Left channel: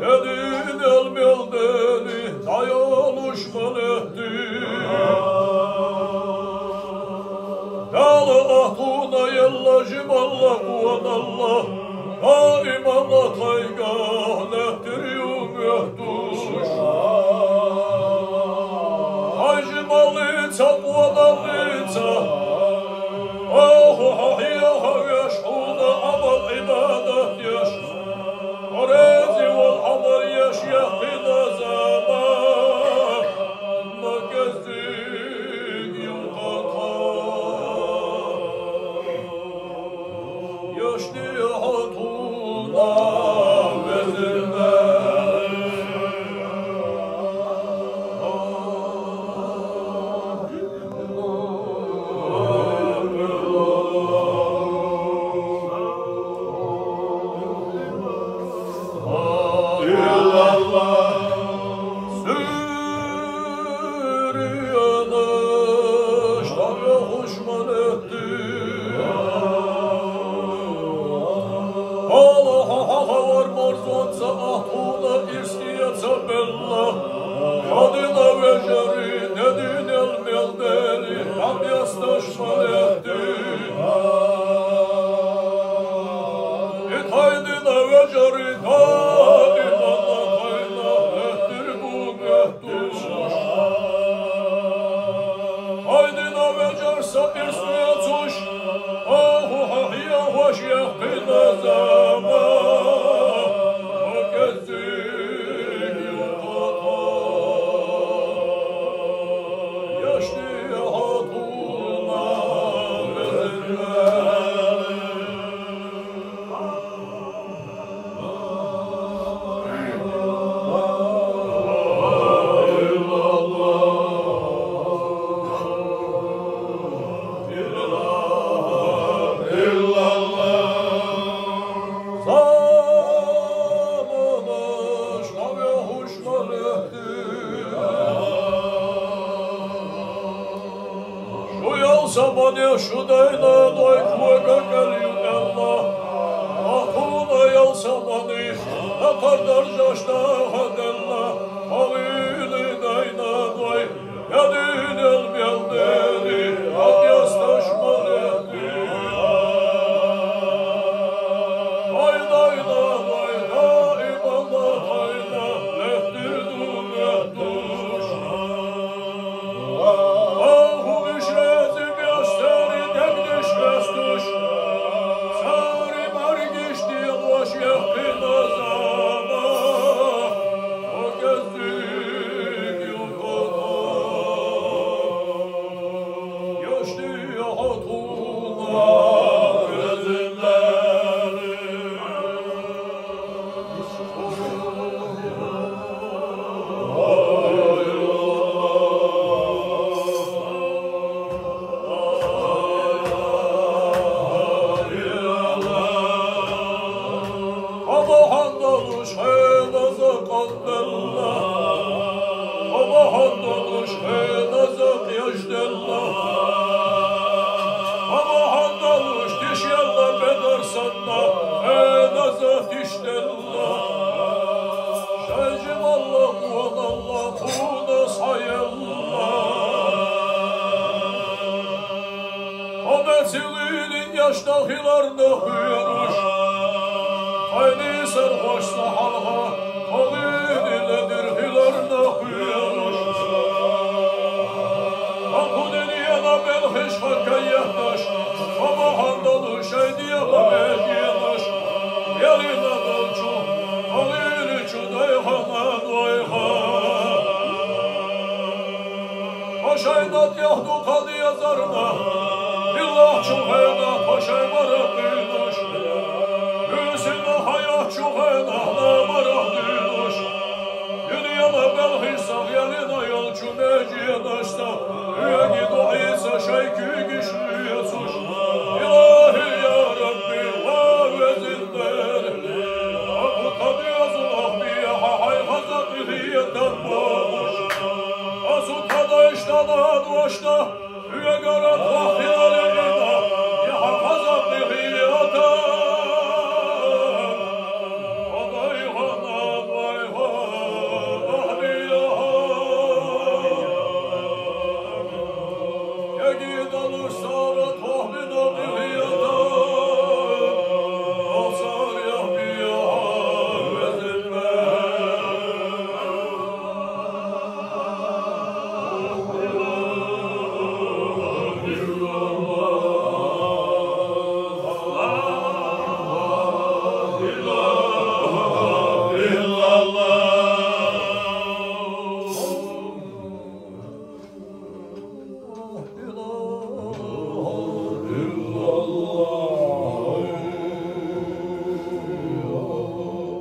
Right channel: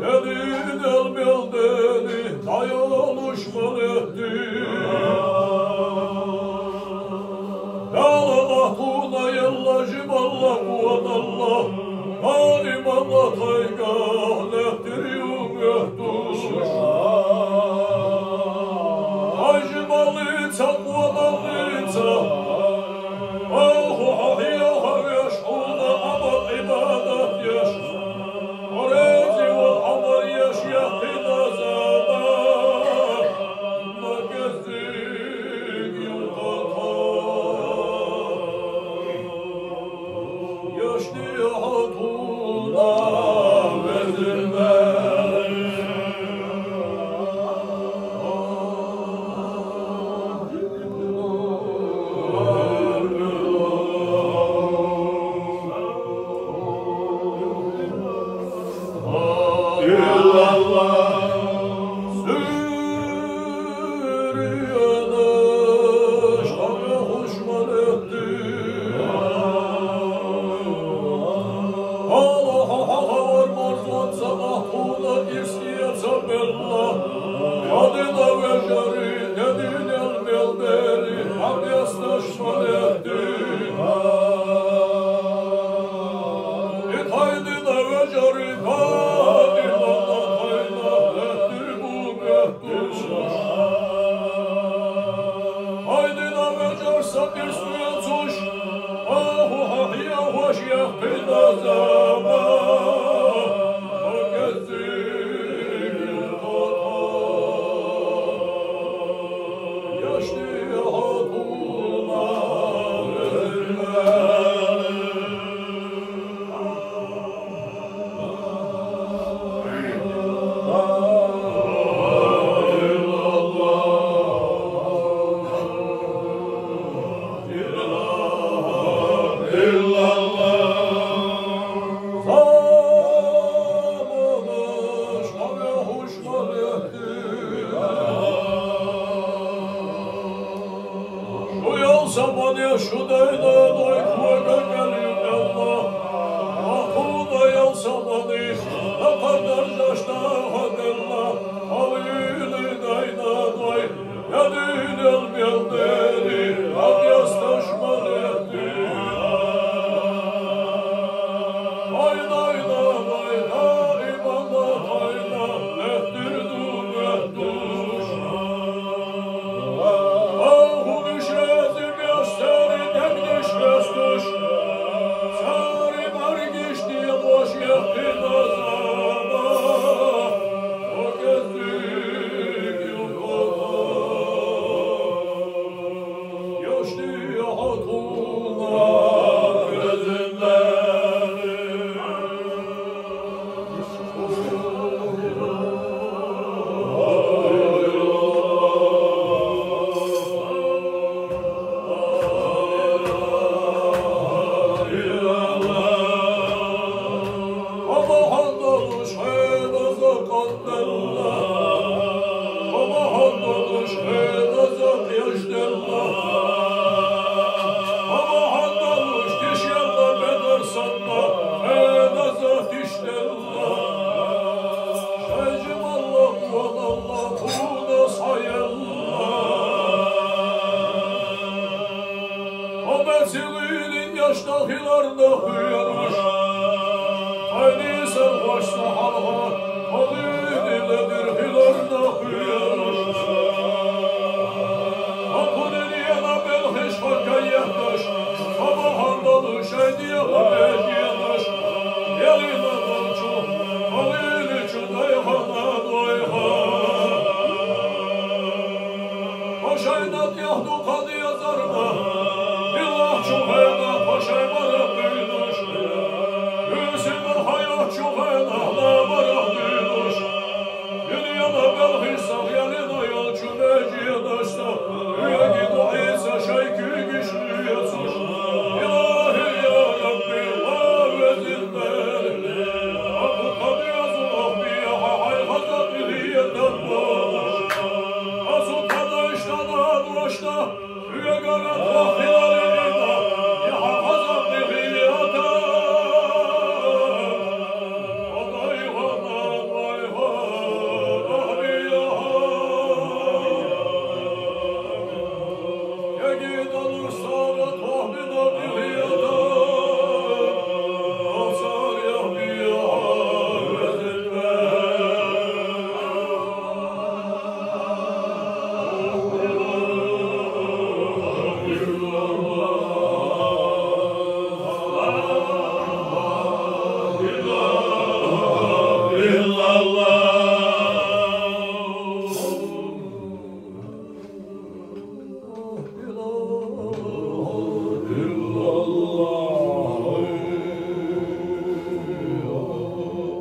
Dedin elmeldeni dayanışman etti. Yâlı ahtuna yellacım Allah kuvan Allah. Daimana taygah lehtiriyorum yehtuş. Aycımalıca kuvanallıca. Ahu hahiya haviyaş huna amal ibadet yaş. Orezi vel amal yaş yakina zaman. Magezdik yılkata. Yaşlı hatuna vezirme.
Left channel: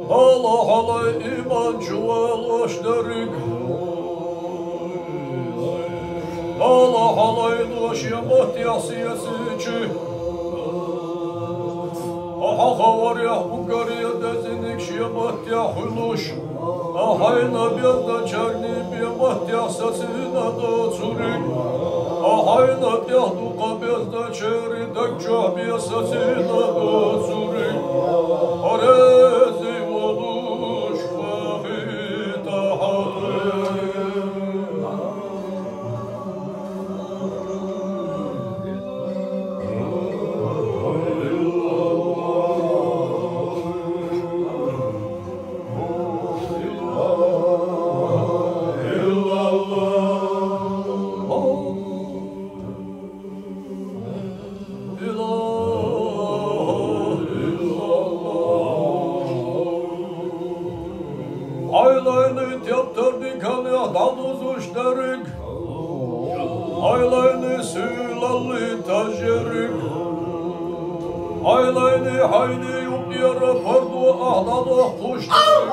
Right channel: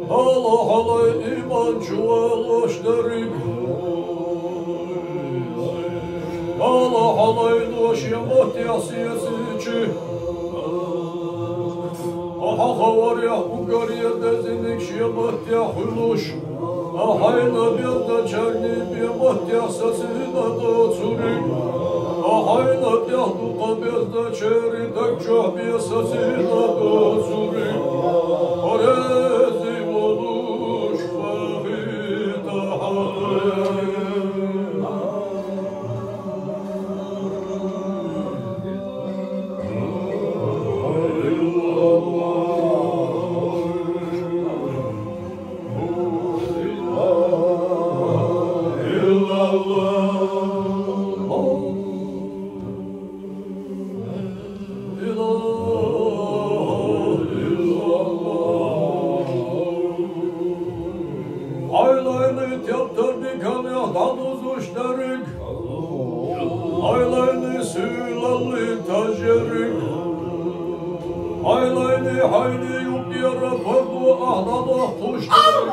Allah halay iman çuvallaş derik. Allah halay doş yamat yasiyesici. Aha havar ya Bulgariya dezinik şiyamat ya huluş. Ahayna biyanda çerni biyamat ya sasina da çurik. Ahayna biyahdu kabiyazda çeri dekçah biya sasina da çurik. Arezi oluş vahida halim. Aylayını teptirdik ya danuz uçlarık. Aylayını suylallı taşerik. Aylayını hayli yok yara pardu ahlada kuşlarık.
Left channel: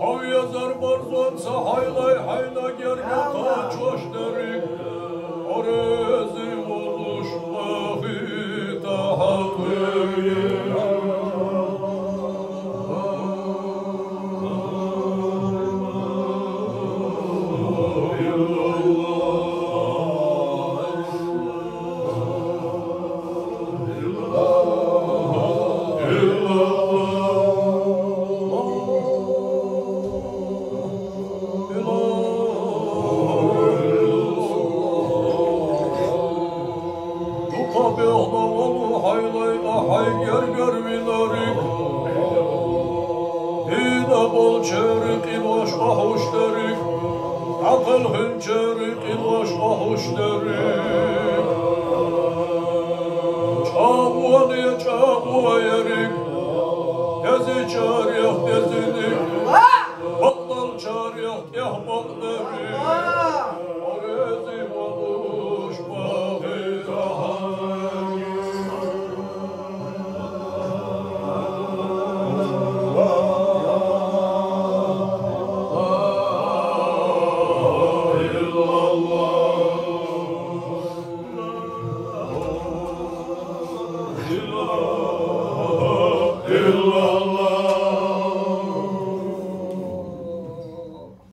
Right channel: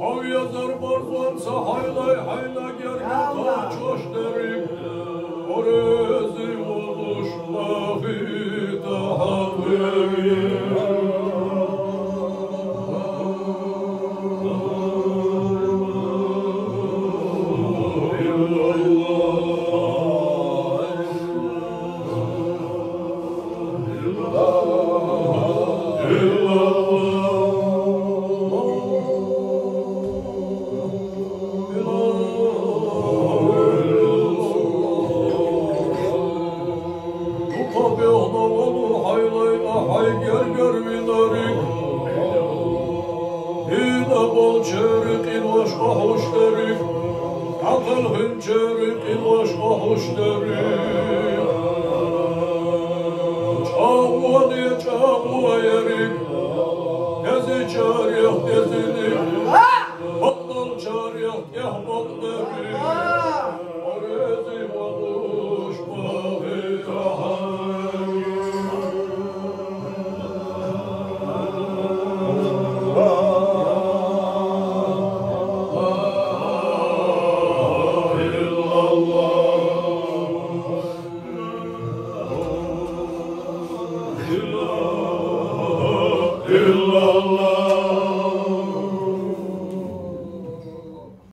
Av yazar barzansa haylay hayla gergen taçoş derik. Orezi oluş mahita halim. Çağır yok dezini, battal çağır yok yahbak derin.